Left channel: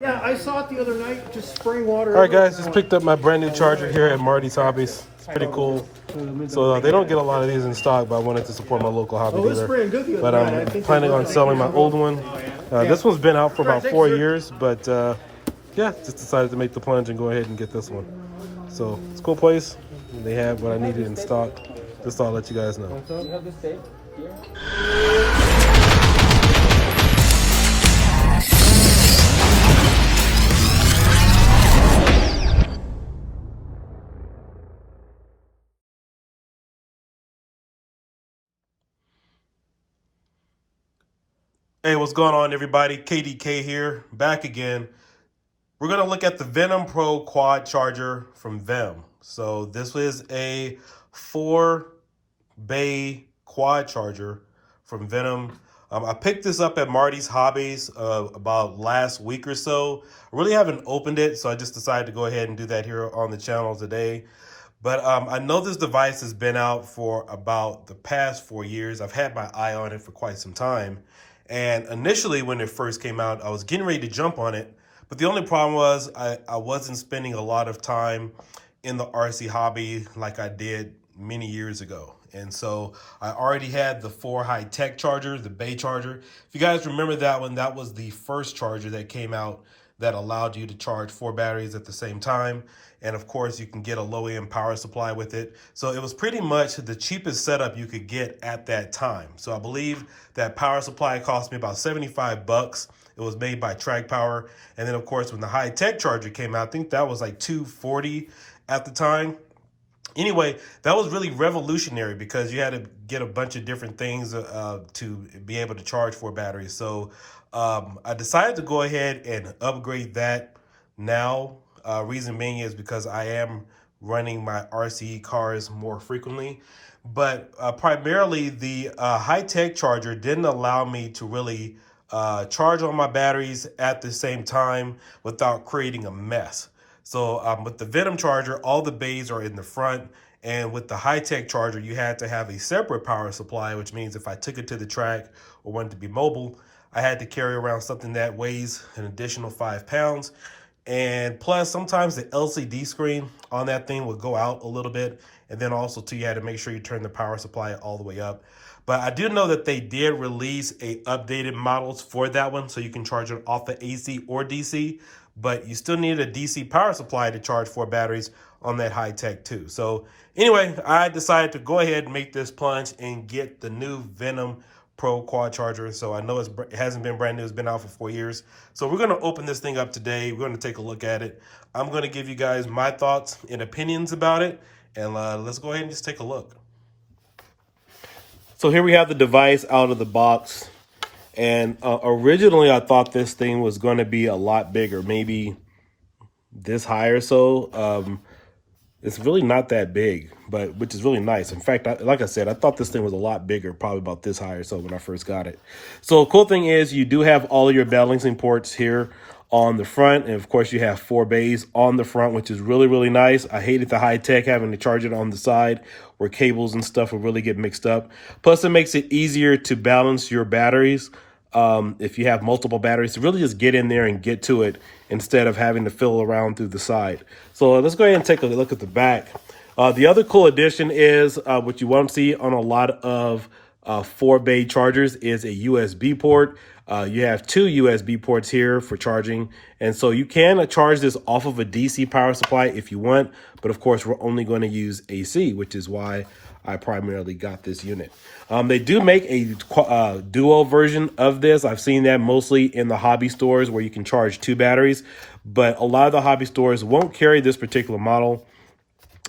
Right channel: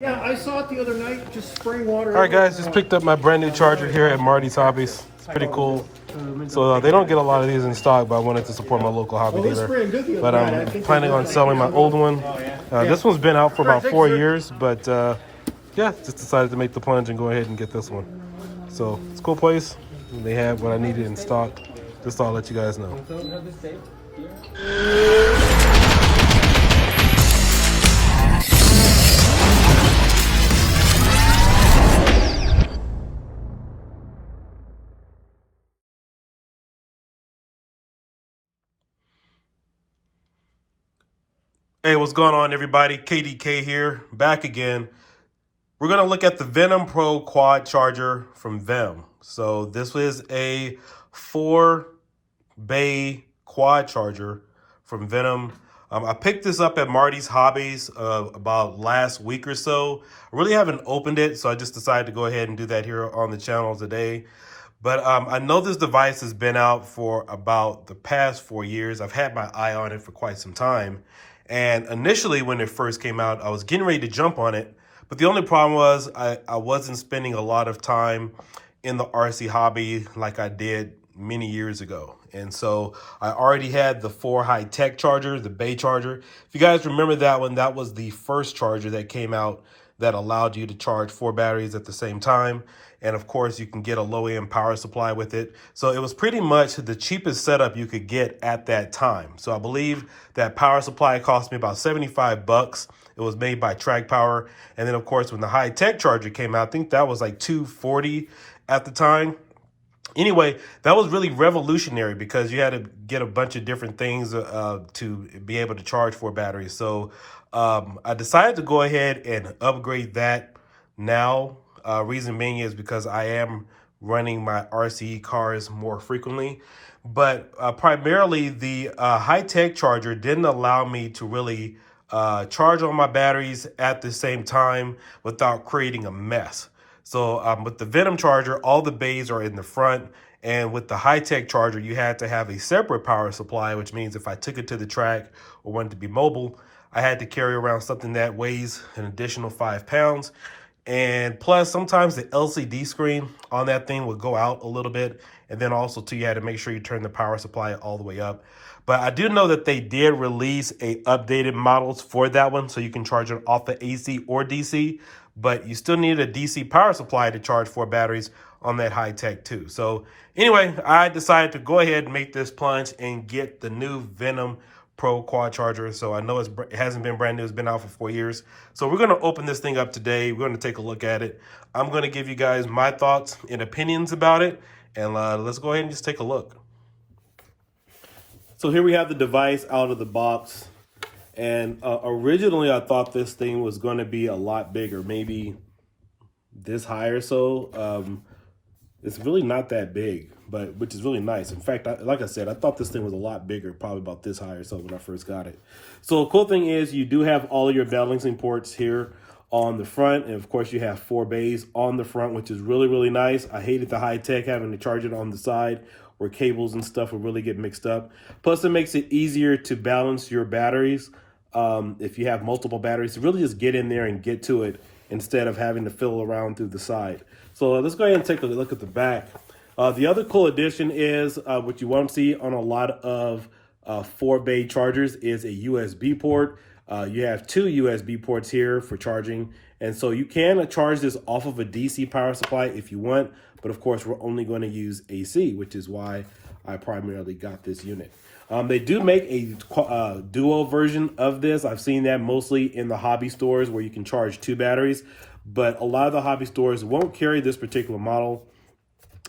Yeah, I saw it the other night, just spraying water. All right, guys, just picked up my brand new charger here at Marty's Hobbies. It's pretty cool. So they don't get a lot of these in stock, but I wanted to support my local hobby dealer. But I'm planning on selling my old one. This one's been out for about 4 years, but yeah, just decided to make the plunge and go ahead and get this one. So it's a cool place. They have what I needed in stock. Just thought I'd let you guys know. Hey, what's going on, everybody? KDK here, back again. We're going to look at the Venom Pro Quad charger from Venom. So this is a 4-bay quad charger from Venom. I picked this up at Marty's Hobbies about last week or so. I really haven't opened it, so I just decided to go ahead and do that here on the channel today. But I know this device has been out for about the past 4 years. I've had my eye on it for quite some time. And initially, when it first came out, I was getting ready to jump on it. But the only problem was I wasn't spending a lot of time in the RC hobby like I did many years ago. And so I already had the 4 high-tech charger, the bay charger. If you guys remember that one, that was the first charger that came out that allowed you to charge 4 batteries at the same time. And of course, you can get a low-end power supply with it. So it was pretty much the cheapest setup you could get at that time. So I believe that power supply cost me about 75 bucks. It was made by Track Power. And then of course, when the high-tech charger came out, I think that was like $240 at the time. Anyway, that was really revolutionary because you had to get a bunch of different things to be able to charge 4 batteries. So I decided to go ahead and upgrade that now. Reason being is because I am running my RCE cars more frequently. But primarily the high-tech charger didn't allow me to really charge all my batteries at the same time without creating a mess. So with the Venom charger, all the bays are in the front. And with the high-tech charger, you had to have a separate power supply, which means if I took it to the track or wanted to be mobile, I had to carry around something that weighs an additional 5 pounds. And plus, sometimes the LCD screen on that thing would go out a little bit. And then also, too, you had to make sure you turn the power supply all the way up. But I do know that they did release updated models for that one, so you can charge it off the AC or DC. But you still need a DC power supply to charge 4 batteries on that high-tech, too. So anyway, I decided to go ahead and make this plunge and get the new Venom Pro Quad charger. So I know it hasn't been brand new. It's been out for 4 years. So we're going to open this thing up today. We're going to take a look at it. I'm going to give you guys my thoughts and opinions about it. And let's go ahead and just take a look. So here we have the device out of the box. And originally I thought this thing was going to be a lot bigger, maybe this high or so. It's really not that big, but which is really nice. In fact, like I said, I thought this thing was a lot bigger, probably about this high or so when I first got it. So cool thing is you do have all of your balancing ports here on the front. And of course you have 4 bays on the front, which is really, really nice. I hated the high tech having to charge it on the side where cables and stuff would really get mixed up. Plus it makes it easier to balance your batteries. If you have multiple batteries, to really just get in there and get to it instead of having to fill around through the side. So let's go ahead and take a look at the back. The other cool addition is what you won't see on a lot of 4-bay chargers is a USB port. You have 2 USB ports here for charging. And so you can charge this off of a DC power supply if you want. But of course, we're only going to use AC, which is why I primarily got this unit. They do make a duo version of this. I've seen that mostly in the hobby stores where you can charge 2 batteries, but a lot of the hobby stores won't carry this particular model.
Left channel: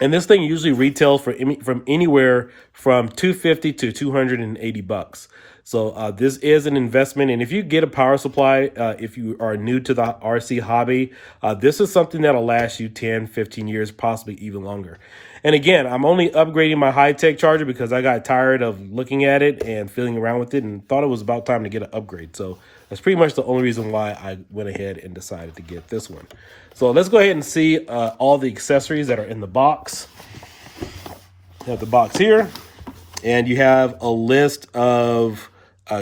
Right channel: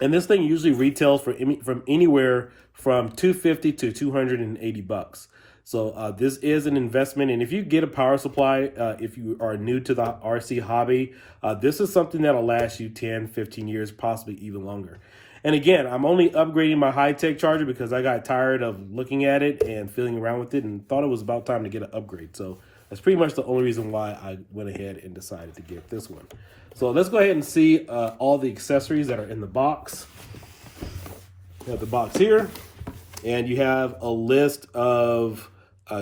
And this thing usually retails from anywhere from $250 to $280. So this is an investment. And if you get a power supply, if you are new to the RC hobby, this is something that'll last you 10, 15 years, possibly even longer. And again, I'm only upgrading my high-tech charger because I got tired of looking at it and feeling around with it and thought it was about time to get an upgrade. So that's pretty much the only reason why I went ahead and decided to get this one. So let's go ahead and see all the accessories that are in the box. You have the box here, and you have a list of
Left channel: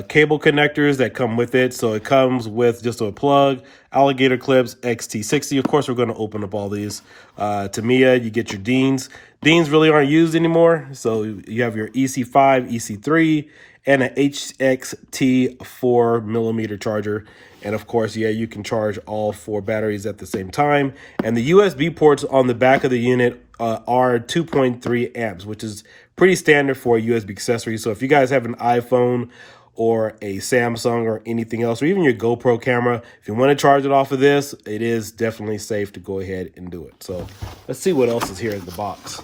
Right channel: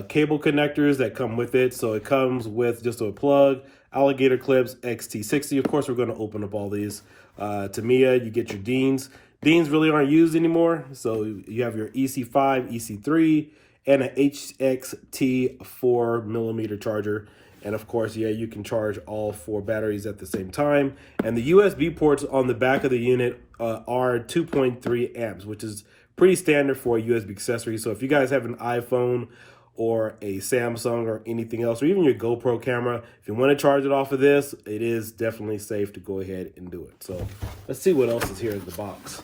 cable connectors that come with it. So it comes with just a plug, alligator clips, XT60. Of course, we're going to open up all these. Tamiya, you get your Deans. Deans really aren't used anymore. So you have your EC5, EC3, and an HXT 4mm charger. And of course, yeah, you can charge all 4 batteries at the same time. And the USB ports on the back of the unit are 2.3 amps, which is pretty standard for a USB accessory. So if you guys have an iPhone or a Samsung or anything else, or even your GoPro camera, if you want to charge it off of this, it is definitely safe to go ahead and do it. So let's see what else is here in the box.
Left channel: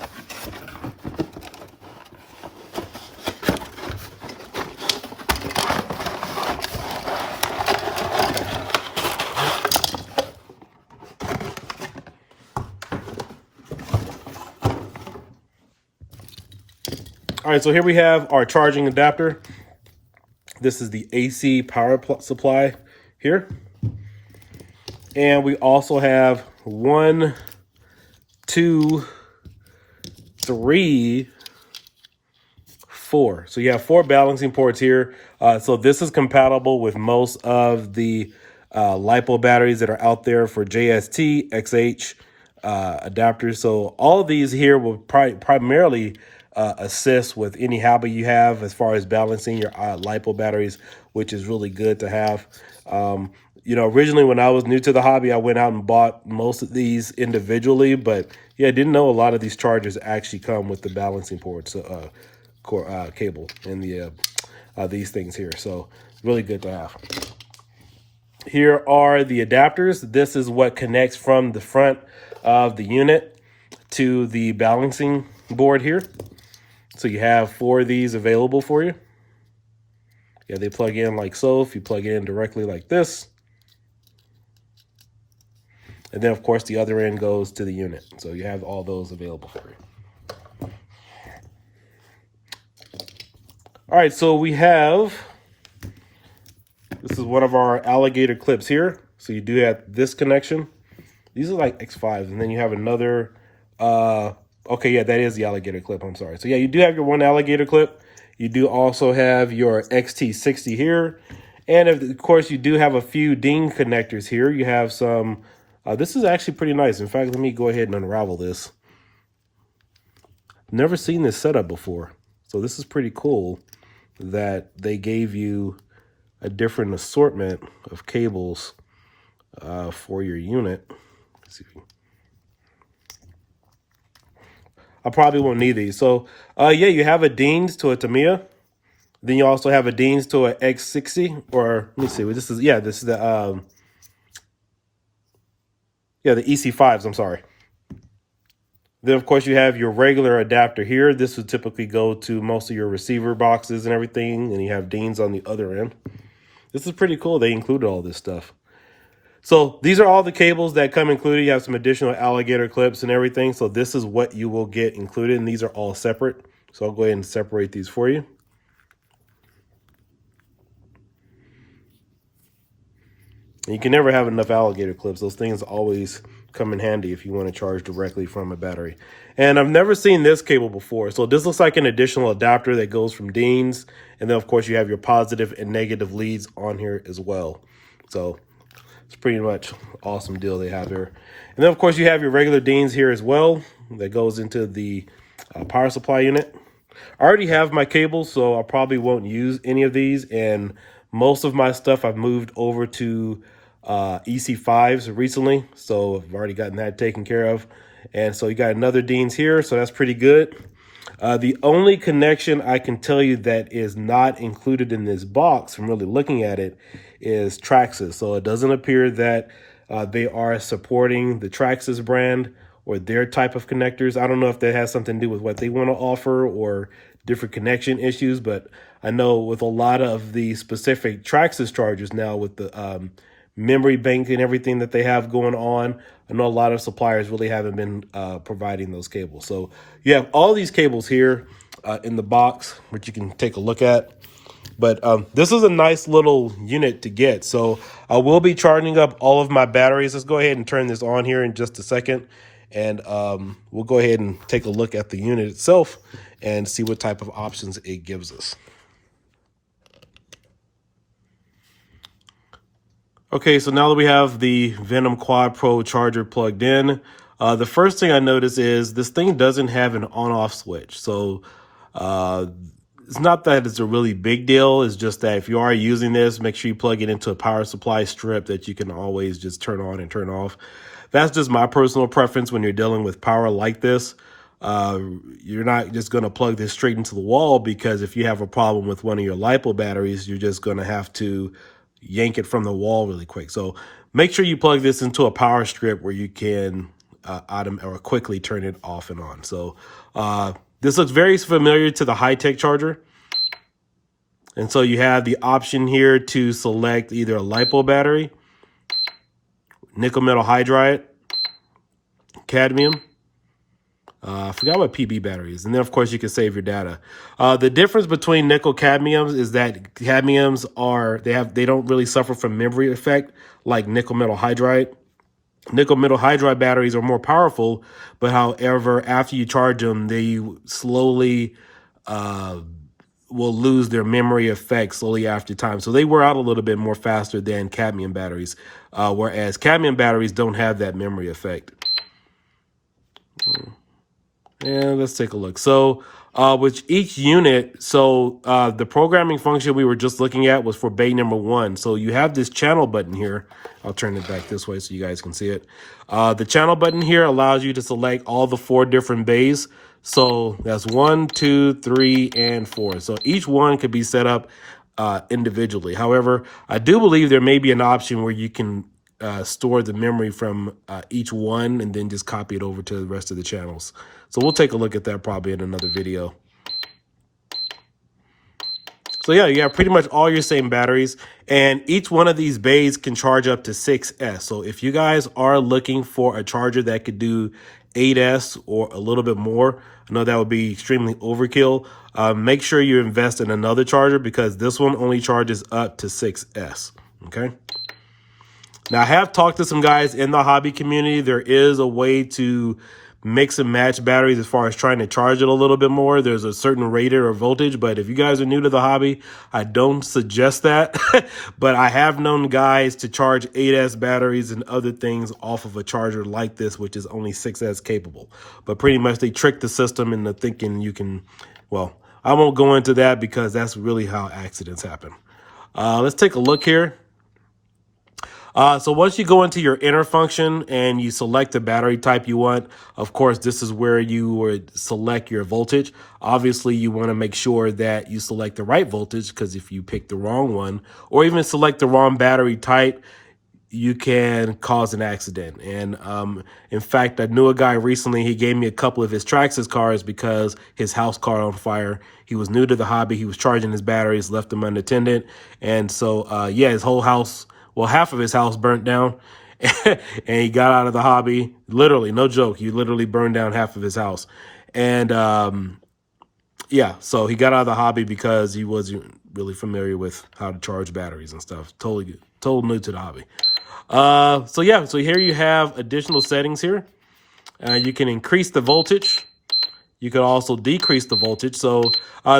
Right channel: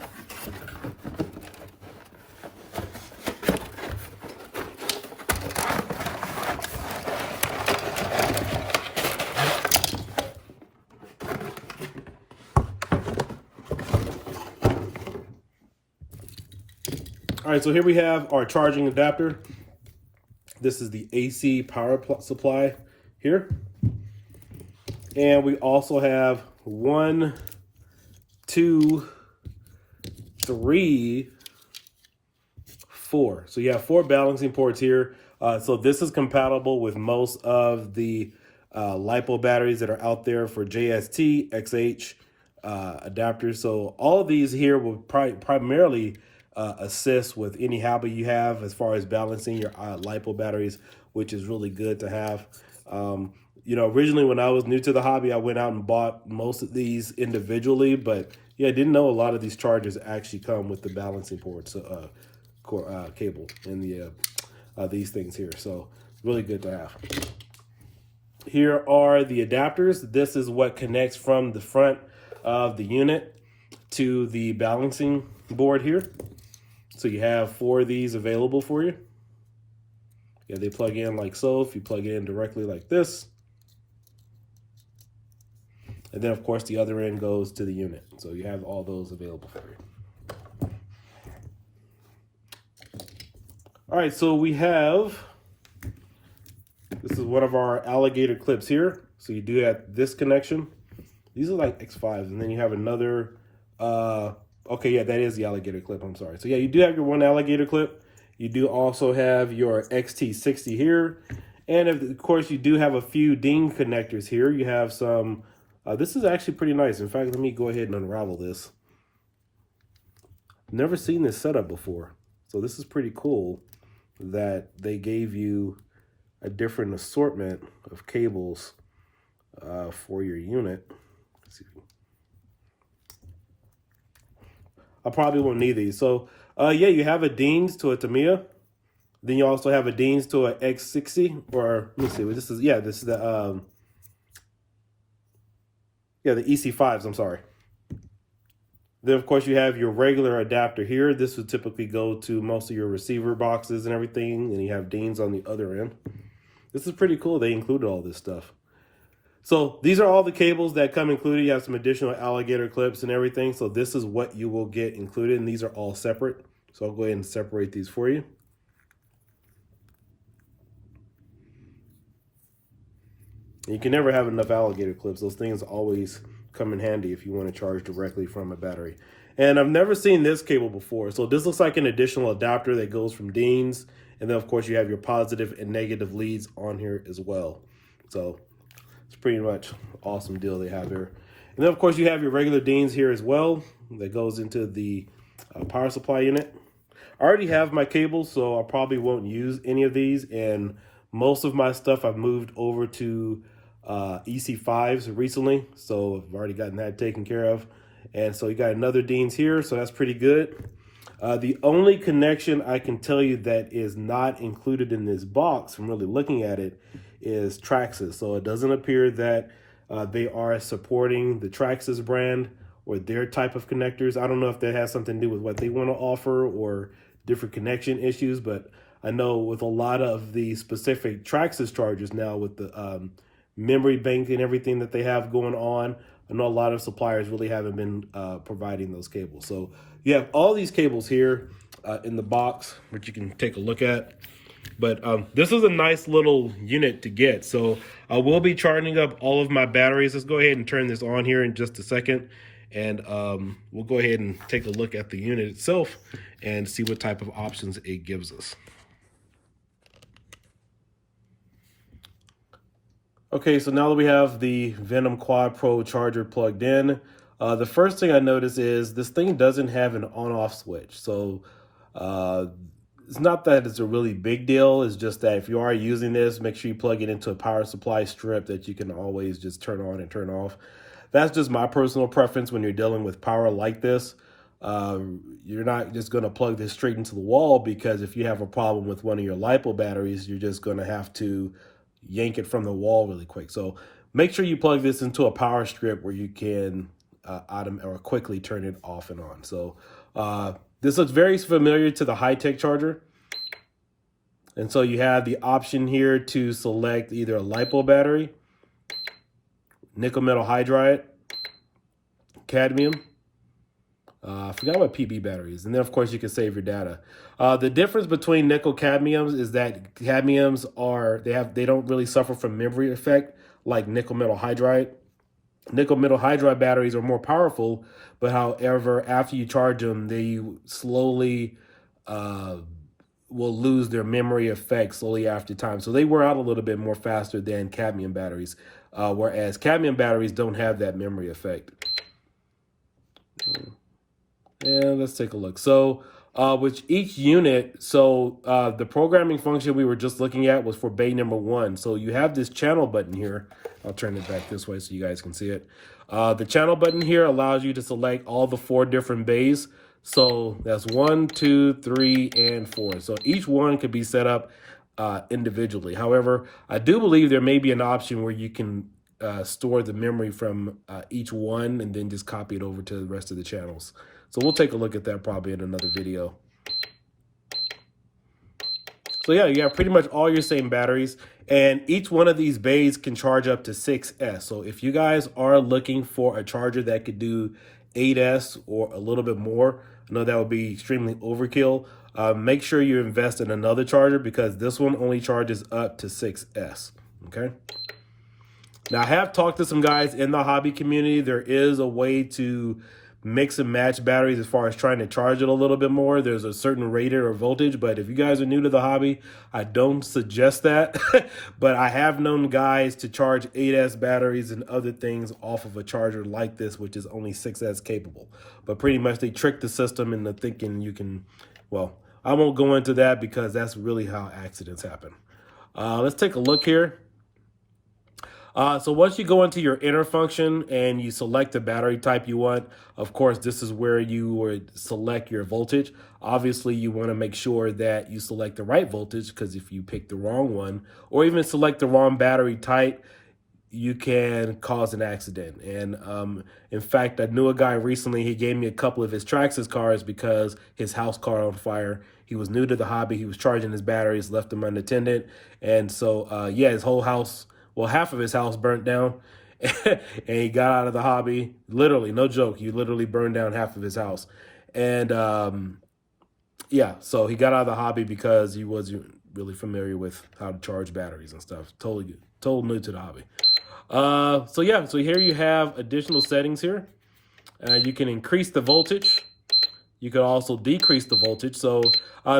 All right, so here we have our charging adapter. This is the AC power supply here. And we also have 1, 2, 3, 4. So you have 4 balancing ports here. So this is compatible with most of the LiPo batteries that are out there for JST, XH adapters. So all of these here will primarily assist with any hobby you have as far as balancing your LiPo batteries, which is really good to have. You know, originally when I was new to the hobby, I went out and bought most of these individually, but yeah, I didn't know a lot of these chargers actually come with the balancing ports cable and the these things here. So really good to have. Here are the adapters. This is what connects from the front of the unit to the balancing board here. So you have 4 of these available for you. Yeah, they plug in like so. If you plug it in directly like this. And then, of course, the other end goes to the unit. So you have all those available for you. All right, so we have, this is one of our alligator clips here. So you do have this connection. These are like X5s. And then you have another, okay, yeah, that is the alligator clip. I'm sorry. So yeah, you do have your one alligator clip. You do also have your XT60 here. And of course, you do have a few Dean connectors here. You have some, this is actually pretty nice. In fact, let me go ahead and unravel this. Never seen this setup before. So this is pretty cool that they gave you a different assortment of cables for your unit. Let's see. I probably won't need these. So yeah, you have a Dean's to a Tamiya. Then you also have a Dean's to a X60, or let me see. This is, yeah, this is the yeah, the EC5s. I'm sorry. Then of course you have your regular adapter here. This would typically go to most of your receiver boxes and everything, and you have Dean's on the other end. This is pretty cool. They included all this stuff. So these are all the cables that come included. You have some additional alligator clips and everything. So this is what you will get included, and these are all separate. So I'll go ahead and separate these for you. And you can never have enough alligator clips. Those things always come in handy if you want to charge directly from a battery. And I've never seen this cable before. So this looks like an additional adapter that goes from Dean's. And then of course you have your positive and negative leads on here as well. So it's pretty much awesome deal they have here. And then of course you have your regular Dean's here as well that goes into the power supply unit. I already have my cables, so I probably won't use any of these. And most of my stuff I've moved over to EC5s recently, so I've already gotten that taken care of. And so you got another Dean's here, so that's pretty good. The only connection I can tell you that is not included in this box from really looking at it is Traxxas. So it doesn't appear that they are supporting the Traxxas brand or their type of connectors. I don't know if that has something to do with what they want to offer or different connection issues, but I know with a lot of the specific Traxxas chargers now with the memory bank and everything that they have going on, I know a lot of suppliers really haven't been providing those cables. So you have all these cables here in the box, which you can take a look at. But this is a nice little unit to get. So I will be charging up all of my batteries. Let's go ahead and turn this on here in just a second. And we'll go ahead and take a look at the unit itself and see what type of options it gives us. Okay, so now that we have the Venom Quad Pro charger plugged in, the first thing I notice is this thing doesn't have an on-off switch. So uh, it's not that it's a really big deal. It's just that if you are using this, make sure you plug it into a power supply strip that you can always just turn on and turn off. That's just my personal preference when you're dealing with power like this. You're not just going to plug this straight into the wall, because if you have a problem with one of your LiPo batteries, you're just going to have to yank it from the wall really quick. So make sure you plug this into a power strip where you can quickly turn it off and on. So this looks very familiar to the high-tech charger. And so you have the option here to select either a LiPo battery, nickel metal hydride, cadmium. I forgot what PB battery is. And then, of course, you can save your data. The difference between nickel cadmiums is that cadmiums they don't really suffer from memory effect like nickel metal hydride. Nickel metal hydride batteries are more powerful, but however, after you charge them, they slowly will lose their memory effect slowly after time. So they wear out a little bit more faster than cadmium batteries, whereas cadmium batteries don't have that memory effect. And let's take a look. So with each unit, the programming function we were just looking at was for bay number 1. So you have this channel button here. I'll turn it back this way so you guys can see it. The channel button here allows you to select all the 4 different bays. So that's 1, 2, 3, and 4. So each one could be set up individually. However, I do believe there may be an option where you can store the memory from each one and then just copy it over to the rest of the channels. So we'll take a look at that probably in another video. So yeah, you have pretty much all your same batteries, and each one of these bays can charge up to 6S. So if you guys are looking for a charger that could do 8S or a little bit more, I know that would be extremely overkill. Make sure you invest in another charger, because this one only charges up to 6S, okay? Now, I have talked to some guys in the hobby community. There is a way to mix and match batteries as far as trying to charge it a little bit more. There's a certain rated or voltage, but if you guys are new to the hobby, I don't suggest that. But I have known guys to charge 8S batteries and other things off of a charger like this, which is only 6S capable. But pretty much they trick the system into thinking you can, well, I won't go into that because that's really how accidents happen. Let's take a look here. So once you go into your inner function and you select the battery type you want, of course, this is where you would select your voltage. Obviously, you want to make sure that you select the right voltage, because if you pick the wrong one or even select the wrong battery type, you can cause an accident. And in fact, I knew a guy recently, he gave me a couple of his Traxxas cars because his house caught on fire. He was new to the hobby. He was charging his batteries, left them unattended. And so, yeah, his whole house, well, half of his house burnt down, and he got out of the hobby. Literally, no joke. He literally burned down half of his house. And yeah, so he got out of the hobby because he wasn't really familiar with how to charge batteries and stuff. Totally new to the hobby. So yeah, so here you have additional settings here. You can increase the voltage. You can also decrease the voltage. So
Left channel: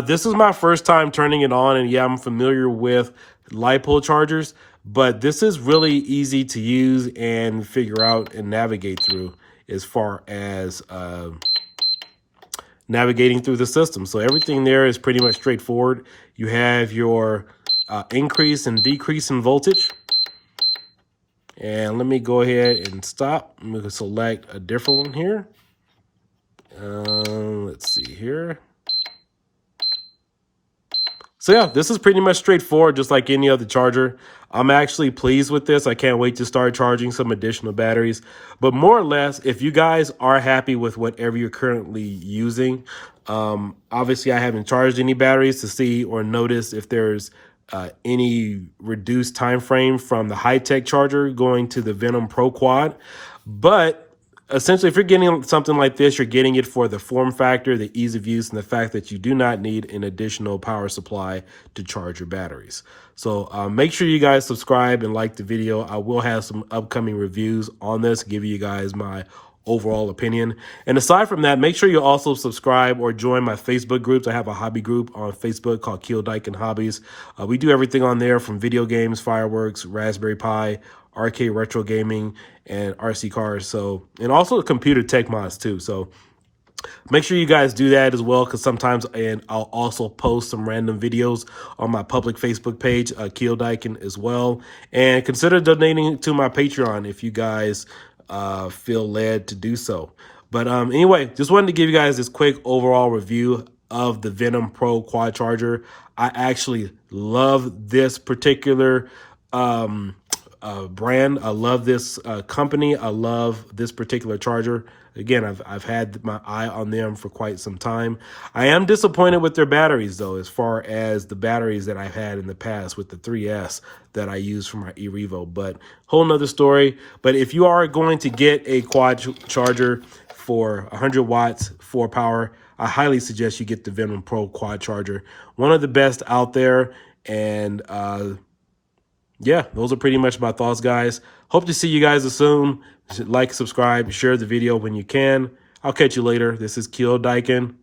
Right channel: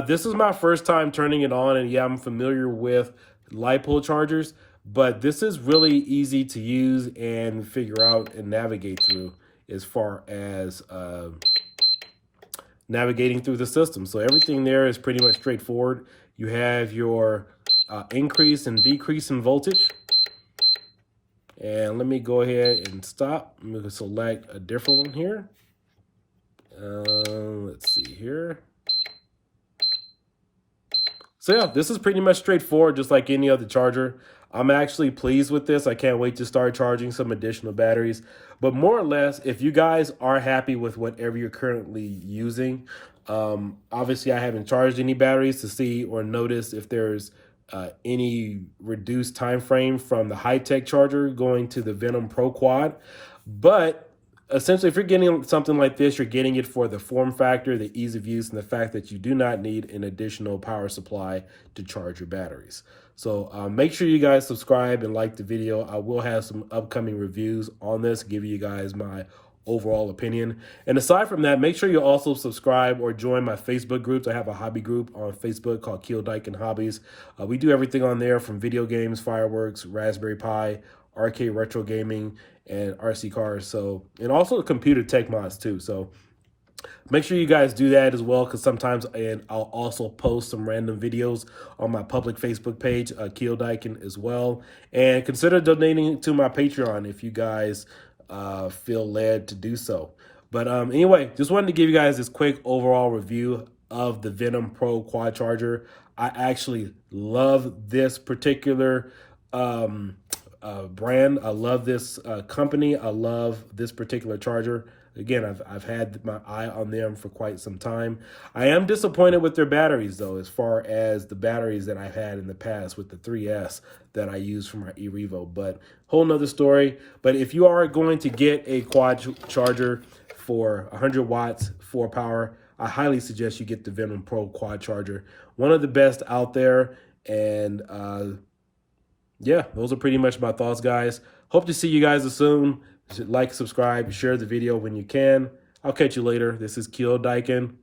this is my first time turning it on, and yeah, I'm familiar with LiPo chargers, but this is really easy to use and figure out and navigate through as far as navigating through the system. So everything there is pretty much straightforward. You have your increase and decrease in voltage. And let me go ahead and stop. I'm going to select a different one here. Let's see here. So yeah, this is pretty much straightforward, just like any other charger. I'm actually pleased with this. I can't wait to start charging some additional batteries. But more or less, if you guys are happy with whatever you're currently using, obviously I haven't charged any batteries to see or notice if there's any reduced time frame from the high-tech charger going to the Venom Pro Quad. But essentially, if you're getting something like this, you're getting it for the form factor, the ease of use, and the fact that you do not need an additional power supply to charge your batteries. So make sure you guys subscribe and like the video. I will have some upcoming reviews on this, give you guys my overall opinion. And aside from that, make sure you also subscribe or join my Facebook groups. I have a hobby group on Facebook called Kiodiekin Hobbies. We do everything on there from video games, fireworks, Raspberry Pi, arcade retro gaming, and RC cars. So, and also computer tech mods too. So make sure you guys do that as well, because sometimes, and I'll also post some random videos on my public Facebook page, Kiodiekin, as well. And consider donating to my Patreon if you guys feel led to do so. But anyway, just wanted to give you guys this quick overall review of the Venom Pro Quad charger. I actually love this particular brand. I love this company. I love this particular charger. Again, I've had my eye on them for quite some time. I am disappointed with their batteries, though, as far as the batteries that I've had in the past with the 3S that I use for my eRevo, but whole nother story. But if you are going to get a quad charger for 100 watts, 4 power, I highly suggest you get the Venom Pro Quad charger. One of the best out there. And yeah, those are pretty much my thoughts, guys. Hope to see you guys soon. Like, subscribe, share the video when you can. I'll catch you later. This is Kiodiekin.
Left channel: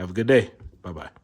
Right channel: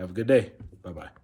Have a good day. Bye-bye.